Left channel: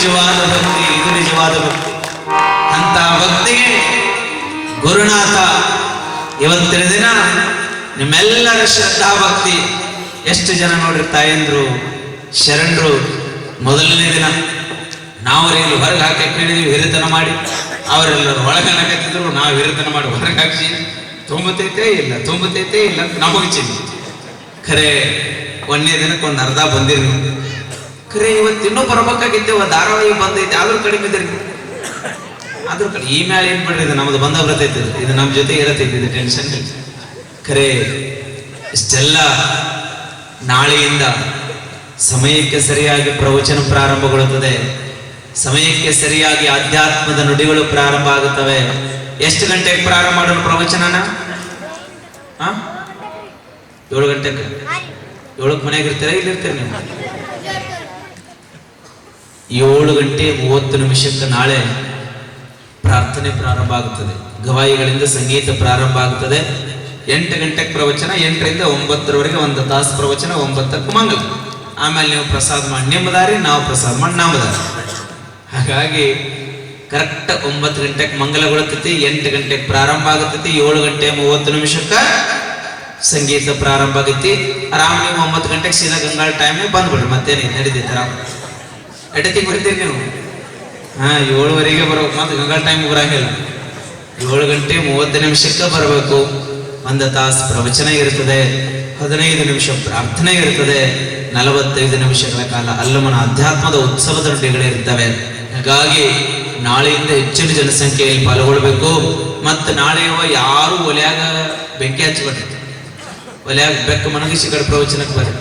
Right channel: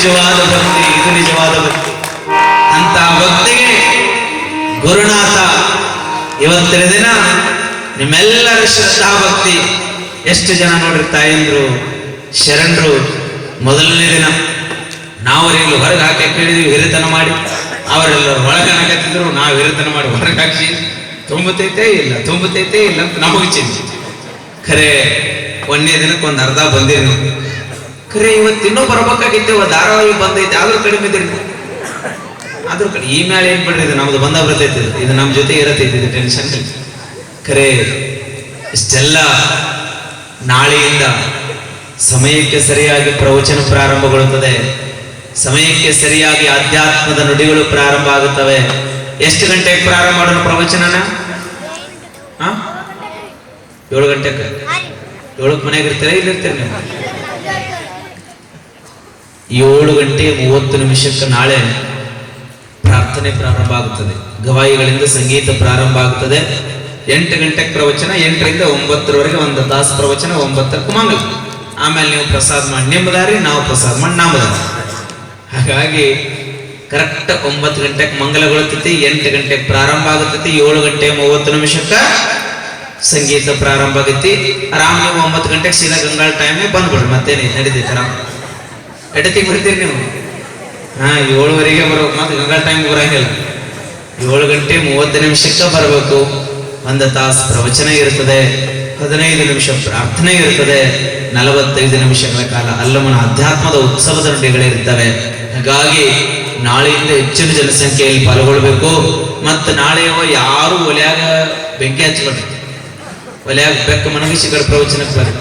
ನಿಜವಾದ ಭಕ್ತಿ, ಇದು ನಿಜವಾದ ಭಕ್ತಿ. ಅಂತ ಭಕ್ತಿಗೆ ಗುರುನಾಥ ಇವತ್ತಿನ ದಿನ ನಿಮ್ಮೆಲ್ಲರ ಶ್ರದ್ಧಾ ಭಕ್ತಿ. ಎಷ್ಟು ಜನ ನೋಡ್ರಿ ತಾಯಂದ್ರು ಶರಣರು ಮೊದಲನೇ ದಿನ ನಾವರೆಲ್ಲೂ ಹೊರಗೆ ಹಾಕಿ ಕೇಳಿದ್ವಿ ಹಿರಿತನ ಮಾಡಿ, ಅವರೆಲ್ಲರೂ ಒಳಗೆ ಹಾಕತ್ತಿದ್ರು, ನಾವು ಹಿರಿತನ ಮಾಡಿ ಹೊರಗೆ ಹಾಕಿ ತುಂಬತೈತೆ ಇಲ್ಲ ಅಂತ ನಮಗೆ ಚಿಂತೆ. ಖರೆ ಒಂದನೇ ದಿನಕ್ಕೆ ಒಂದು ಅರ್ಧ ಬಂದಿರಿ, ಖರೆ ಇವತ್ತಿನ್ನೂ ಬರ್ಬೇಕಾಗಿದ್ದೇವ, ಧಾರಾವಾಹಿ ಬಂದೈತೆ ಆದ್ರೂ ಕಡಿಮೆ ಇದ್ರಿ, ಆದ್ರೂ ಕಡೆ ಈ ಮೇಲೆ ಏನ್ ಬಿಡ್ರಿ, ಇದು ನಮ್ದು ಬಂದ ಬರ್ತೈತಿ, ಇದು ನಮ್ಮ ಜೊತೆ ಇರತೈತಿ, ಇದು ಟೆನ್ಷನ್. ಖರೆ ಇಷ್ಟೆಲ್ಲ ನಾಳೆಯಿಂದ ಸಮಯಕ್ಕೆ ಸರಿಯಾಗಿ ಪ್ರವಚನ ಪ್ರಾರಂಭಗೊಳ್ಳುತ್ತದೆ, ಸಮಯಕ್ಕೆ ಸರಿಯಾಗಿ ಆಧ್ಯಾತ್ಮದ ನುಡಿಗಳು ಪ್ರಾರಂಭ ಆಗುತ್ತವೆ. ಎಷ್ಟು ಗಂಟೆಗೆ ಪ್ರಾರಂಭ ಮಾಡೋಣ ಪ್ರವಚನನ? 7 ಗಂಟೆಗೆ. 7ಕ್ಕೆ ಮನೆಗೆ ಇರ್ತೀರಾ, ಇಲ್ಲಿರ್ತೀರ ನೀವು? 7:30 ನಾಳೆ ಪ್ರಾರ್ಥನೆ ಪ್ರಾರಂಭ ಆಗುತ್ತದೆ, ಗವಾಯಿಗಳಿಂದ ಸಂಗೀತ ಪ್ರಾರಂಭ ಆಗುತ್ತದೆ. 8 ಗಂಟೆಗೆ ಪ್ರವಚನ, 8ರಿಂದ 9ರವರೆಗೆ 1 ತಾಸು ಪ್ರವಚನ, 9ಕ್ಕೆ ಮಂಗಲ. ಆಮೇಲೆ ನೀವು ಪ್ರಸಾದ ಮಾಡಿ ನಿಮ್ಮದಾರಿ, ನಾವು ಪ್ರಸಾದ ಮಾಡಿ ನಮ್ಮದಾರಿ. ಹಾಗಾಗಿ ಕರೆಕ್ಟ್ 9 ಗಂಟೆಗೆ ಮಂಗಲಗೊಳ್ತೈತಿ, 8 ಗಂಟೆಗೆ ಪ್ರಾರಂಭ ಆಗುತ್ತೈತಿ, 7:30 ಸಂಗೀತ ಪ್ರಾರಂಭ ಆಗೈತಿ. ಆರಾಮ್ ನೀವು 9 ಗಂಟೆಗೆ ಸೀದಾ ಗಂಗಾಳ ಟೈಮ್ಗೆ ಬಂದ್ಬಿಡ್ರಿ, ಮತ್ತೇನೆ ನಡೀತೈತಿ. ಆರಾಮ್ ಎಡತಿಗೆ ಬರ್ತೀರಿ ನೀವು? 7:15 ಬರ್ಬೇಕು, ಮತ್ತೆ ಗಂಗಾಳ ಟೈಮ್ಗೆ ಬರಂಗಿಲ್ಲ. 7:30 ಬರಬೇಕು. 1 ತಾಸು ಪ್ರವಚನ ಇರ್ತದೆ, 15 ನಿಮಿಷ ಪ್ರಾರ್ಥನೆ ಇರ್ತದೆ, 45 ನಿಮಿಷಗಳ ಕಾಲ ಅಲ್ಲಮನ ಅಧ್ಯಾತ್ಮದ ಉತ್ಸವದ ನುಡಿಗಳಿರ್ತವೆ. ಹಾಗಾಗಿ ನಾಳೆಯಿಂದ ಹೆಚ್ಚಿನ ಜನಸಂಖ್ಯೆಯಲ್ಲಿ ಪಾಲ್ಗೊಳ್ಬೇಕು. ಮತ್ತೆ ನಾಳೆ ಯಾರು ಒಲೆಯಾಗ ಬೆಂಕಿ ಹಚ್ಚಬಾರ್ದು, ಒಲೆಯಾಗ ಬೆಕ್ಕ ಮನಗಿಸಿ ಕಡೆ ಪ್ರವಚನಕ್ಕೆ ಬರ್ರಿ.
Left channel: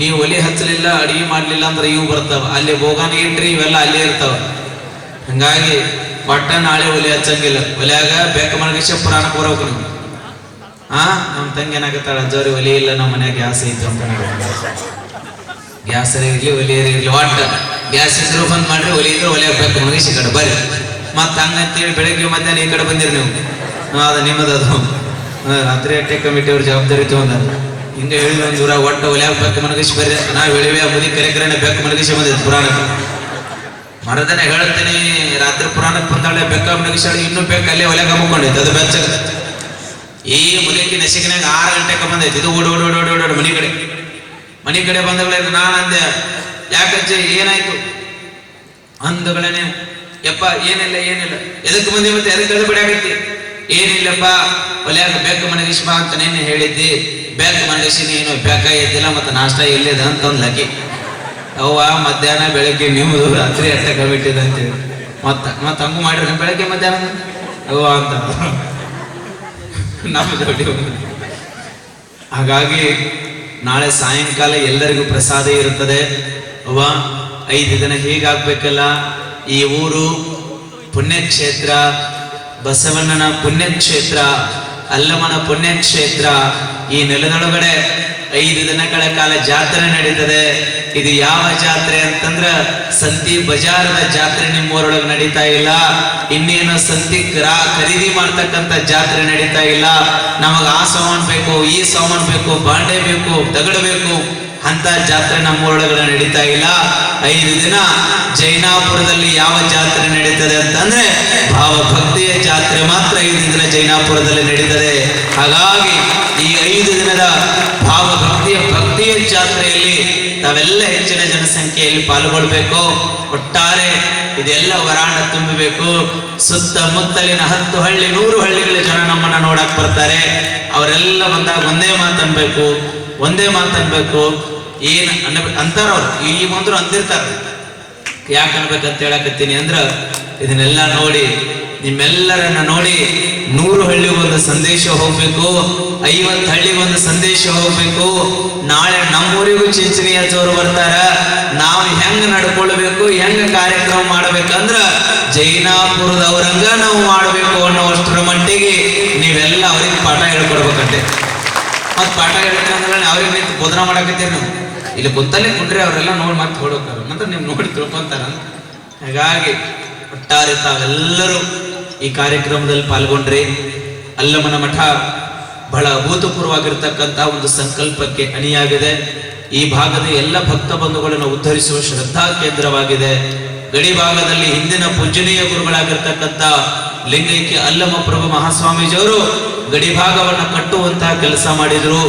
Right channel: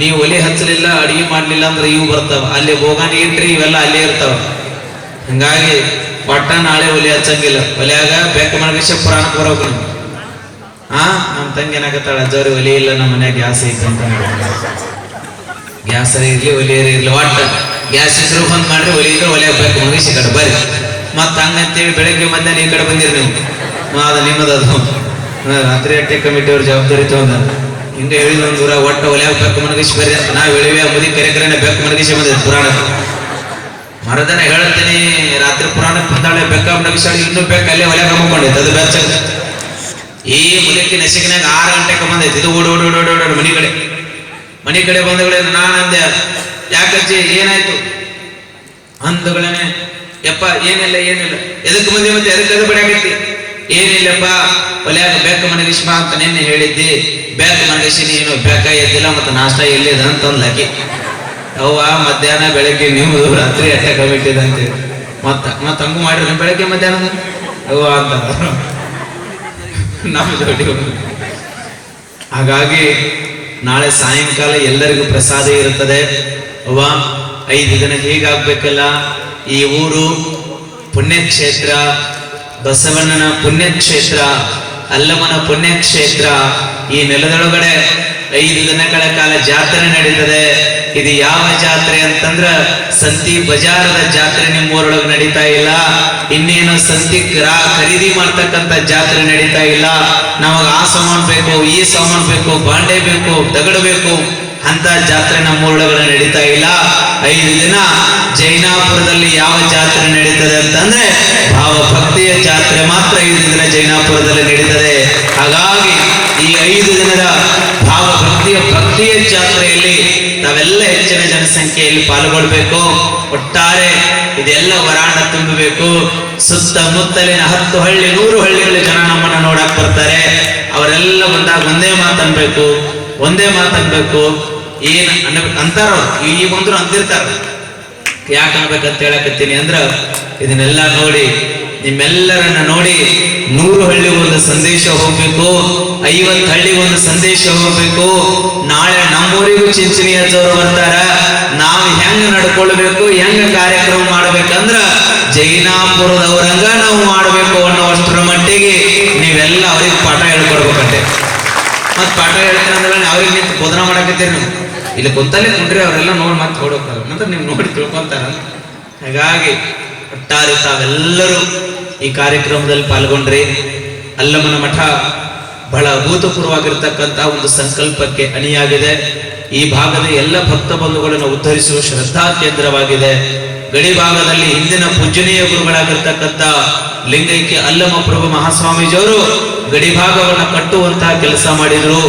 ನೀವು ಒಲೆ ಹಚ್ಚಲಿಲ್ಲ, ಅಡಿಗೆ ಮಾಡ್ಲಿಲ್ಲ ಅಂದ್ರೆ ಇವು ಬರ್ತಾವ, ಅಲ್ಲಿ ಬೋಗಾಣಿ ಏನ್ರಿ ಇವೆಲ್ಲ ಅಲ್ಲೇ ಇರ್ತಾವ. ಹಂಗಾಗಿ ಒಟ್ಟ ನಾಳೆ ಒಲೆ ಹಚ್ಚಂಗಿಲ್ಲ, ಒಲೆಯಾಗ ಬೆಕ್ಕ ಮನಗಿಸಿ ಪುರಾಣಕ್ಕೆ ಬರೋಕೆ. ನಮ್ಮ ತಂಗಿ ಏನಾಗತ್ತಾಳ, ಅಜ್ಜವ್ರಿ ಒಲೆ ಇಲ್ಲ, ನಮ್ಮ ಮನ್ಯಾಗ ಗ್ಯಾಸ್ ಐತಿ ಅಂತ. ಗ್ಯಾಸ್ ಇರ್ಲಿ ಒಲೆ ಇರ್ಲಿ, ಒಟ್ಟ ಗ್ಯಾಸ್ ಇದ್ರು ಬಂದ್ ಮಾಡ್ರಿ, ಒಲೆ ಇದ್ರೆ ಒಲೆ ಬೇಕು ಮುಗಿಸಿ ಕಡೆ ಬರ್ರಿ. ಮತ್ತ ಹಂಗಂತೇಳಿ ಬೆಳಿಗ್ಗೆ ಮಧ್ಯಾಹ್ನ ಈ ಕಡೆ ಬಂದಿರಿ ನೀವು, ಅದ ನಿಮ್ಮದದು. ರಾತ್ರಿ ಅಟ್ಟೆ ಕಮಿಟಿ ಅವ್ರ ಜವಾಬ್ದಾರಿ ತಗೊಂಡ ಹಿಂಗೆ ಹೇಳಿದ ಒಂದು ದೂರ ಒಟ್ಟ ಒಲೆ ಬೇಕು ಮನಗಿಸಿ ಬರ್ರಿ ಅಂತ ನಾವು ಹೇಳಿವಿ. ಮುದಿ ಕರೆಕರನೆ ಬೇಕು ಮನಗಿಸಿ ಬಂದಿದ್ದು ಪುರಾಣ. ಮರದನ ಹೇಳ್ತೀನಿ, ರಾತ್ರಿ ಪುರಾಣಕ್ಕೆ ಬಂದಾಳೆ ಬೆಕ್ಕ ಮನಗಿಸಾಳೆ, ಇನ್ನೂ ಬೇಕು ಅಲ್ಲೇ ಒಲೆ ಹಾಕೊಂಡಿತ್ತು, ಅದು ಬೆಚ್ಚ. ಈ ಮುದಕ್ಕೆ ನಸಿಕಿನಾಗ 6 ಗಂಟೆಗೆ ಬಂದೈತಿ. ಇದು ಓಡೋಡು ಮನೆ ಕಡೆ ಬಂದಗಳೇ ನಾನು ಅಂದೆ, ಯಾಕಜ್ಜಿ ಏನಾಯ್ತು ಅಂದಗಳೇನೆ, ಯಪ್ಪ ಏನಿಲ್ಲ ಎದಕ್ಕೆ ಮಂದಿ ಮತ್ತೆ ಎದಕ್ಕೆ ಅದು ಬಡಿಯಾಗತ್ತಿ? ಏನಿಲ್ಲಪ್ಪ, ಒಲೆಯಾಗ ಬೇಕು ಮನಗಿಸಿ ಬಾ ಅಂತ ನಿನ್ನೆ ಹೇಳಿದ್ದಿ, ಬೇಕು ಮನಗಿಸಿ ನೀನು ಬೇಕ ಎದ್ದಿಲ್ಲ, ಮತ್ತೆ ನಾಷ್ಟ ಎಲ್ಲಿದೆ ಅಂತ ಅಂದ್ಲಕ್ಕಿ. ಅವ್ವ ಮಧ್ಯಾಹ್ನ ಬೆಳಗ್ಗೆ ನೀವು ರಾತ್ರಿ ಅಟ್ಟೆ ಕಮಿಟಿದಂತೆ ಮತ್ತೆ ಹಂಗು ಮಾಡಿದ್ರೆ ಬೆಳಗ್ಗೆ ಮಧ್ಯಾಹ್ನ ಅವ್ವ ಅಂತ ನಮ್ಮ ಜೊತೆ. ಹಾಗಾಗಿ ನಾಳೆ ಸಾಯಂಕಾಲ ಎಲ್ಲರಿಗೂ ಪ್ರಸಾದ ಇರುತ್ತದೆ. ಅವ್ವ 5 ದಿನ ಹೀಗಾಗ್ಬೇಕಲ್ಲ, ಈ ಊರು ಪುಣ್ಯಕ್ಷೇತ್ರ, ಬಸವಣ್ಣನ ಪುಣ್ಯಕ್ಷೇತ್ರ, ಅಲ್ಲಮನ ಪುಣ್ಯಕ್ಷೇತ್ರ. ಈ ನೆಲದೊಳಗಡೆ 5 ದಿನಗಳ ಕಾಲ ಜಾತ್ರೆ ನಡೀತದೆ. ಇದು ಯಾವ ಜಾತ್ರೆ ಅಂತಂದ್ರ ಸಂತಿ ಬಜಾರದ ಜಾತ್ರೆ ನಿಮ್ಮೂರೊಳಗೆ ನಡೀತಾ ಇಲ್ಲ. ಇನ್ನೇನು ಸಂತಿ ಖರೀದಿ ಮಾಡ್ತಕ್ಕಂಥ ಜಾತ್ರೆ ನಡೀತಾ ಇಲ್ಲ. ನಮಗ ಆ ಸಾಮಾನು ಬೇಕು, ಈ ಸಾಮಾನು ಬೇಕು, ಬಾಂಡೆ ಬೇಕು, ತಗಡು ಬೇಕು ಅಂತ ಜಾತ್ರೆ ನಮ್ಮೂರೊಳಗೆ ನಡೀತಾ ಇಲ್ಲ. 5 ದಿನ ಜೈನಾಪುರದಲ್ಲಿ ಯಾವ ಜಾತ್ರೆ ನಡೀತದೆ ಅಂತಂದ್ರೆ ಭಾವಭಕ್ತಿಯ ಜಾತ್ರೆ ಮಾತ್ರ 5 ದಿನ ಜೈನಾಪುರದಲ್ಲಿ ನಡೀತದೆ. ಹಾಗಾಗಿ ಈ 5 ದಿನದ ಭಕ್ತಿಯ ಜಾತ್ರೆಯಲ್ಲಿ ತಾವೆಲ್ಲ ಹೆಚ್ಚಿನ ಜನಸಂಖ್ಯೆಯಲ್ಲಿ ಪಾಲ್ಗೊಳ್ಬೇಕು. ಒಟ್ಟಾರೆ ಇದೆಲ್ಲ ವರಾಣ ತುಂಬಬೇಕು. ಸುತ್ತಮುತ್ತಲಿನ 10 ಹಳ್ಳಿ 100 ಹಳ್ಳಿಗಳ ಜನ ನಮ್ಮನ್ನ ನೋಡಕ್ ಬರ್ತಾರೆ. ಅವರೆಲ್ಲ ಬಂದಾಗ ಒಂದೇ ಮಾತನ್ಬೇಕು. ಏನ್ ಅಂತಾರ ಈ ಬಂದ್ರು ಅಂತಿರ್ತಾರ. ಯಾಕೆ ಅನ್ಬೇಕಂತ ಹೇಳಕತ್ತೀನಿ ಅಂದ್ರ, ಇದನ್ನೆಲ್ಲ ನೋಡಿ ನಿಮ್ಮೆಲ್ಲರನ್ನ ನೋಡಿ 100 ಹಳ್ಳಿಗೊಂದು ಸಂದೇಶ ಹೋಗ್ಬೇಕು, 50 ಹಳ್ಳಿಗೊಂದು ಸಂದೇಶ ಹೋಗ್ಬೇಕು. ನಾಳೆ ನಮ್ಮೂರಿಗೂ ಚಿಂಚಣಿ ಅಜ್ಜವರು ಬರ್ತಾರ. ನಾವು ಹೆಂಗ್ ನಡ್ಕೊಳ್ಬೇಕು, ಹೆಂಗ್ ಕಾರ್ಯಕ್ರಮ ಮಾಡ್ಬೇಕಂದ್ರ ಜೈನಾಪುರದವರಂಗ ನಾವು ಮಾಡ್ಬೇಕು ಅನ್ನೋಷ್ಟರ ಮಟ್ಟಿಗೆ ನೀವೆಲ್ಲ ಅವ್ರಿಗೆ ಪಾಠ ಹೇಳ್ಕೊಡ್ಬೇಕಂತೆ. ಮತ್ ಪಾಠ ಹೇಳ್ಕೊಂಡ್ರೆ ಅವ್ರಿಗೆ ನಿಂತು ಬೋಧನ ಮಾಡಕತ್ತೀರಿ. ನಾವು ಇಲ್ಲಿ ಗೊತ್ತಲ್ಲೇ ಕುಂಡ್ರಿ ಅವರೆಲ್ಲ ನೋಡಿ ಮತ್ತೆ ಹೊಡೋತಾರ, ಮತ್ತೆ ನೀವು ನೋಡಿ ತಿಳ್ಕೊಂತಾರ. ಹಾಗಾಗಿ ಒಟ್ಟಾರೆ ತಾವೆಲ್ಲರೂ ಈ ಕಾರ್ಯಕ್ರಮದಲ್ಲಿ ಪಾಲ್ಗೊಂಡ್ರಿ. ಅಲ್ಲಮನ ಮಠ ಬಹಳ ಅಭೂತಪೂರ್ವವಾಗಿರ್ತಕ್ಕಂತಹ ಒಂದು ಸಂಕಲ್ಪಕ್ಕೆ ಅಣಿಯಾಗಿದೆ. ಈ ಭಾಗದ ಎಲ್ಲ ಭಕ್ತ ಬಂಧುಗಳನ್ನು ಉದ್ಧರಿಸುವ ಶ್ರದ್ಧಾ ಕೇಂದ್ರವಾಗಿದೆ. ಗಡಿ ಭಾಗದಲ್ಲಿ ಹಿಂದಿನ ಪೂಜನೀಯ ಗುರುಗಳಾಗಿರ್ತಕ್ಕಂಥ ಲಿಂಗೈಕ್ಯ ಅಲ್ಲಮ ಪ್ರಭು ಮಹಾಸ್ವಾಮೀಜಿಯವರು ಗಡಿ ಭಾಗವನ್ನು ಕಟ್ಟುವಂತಹ ಕೆಲಸ ಮಾಡಿದ್ರು.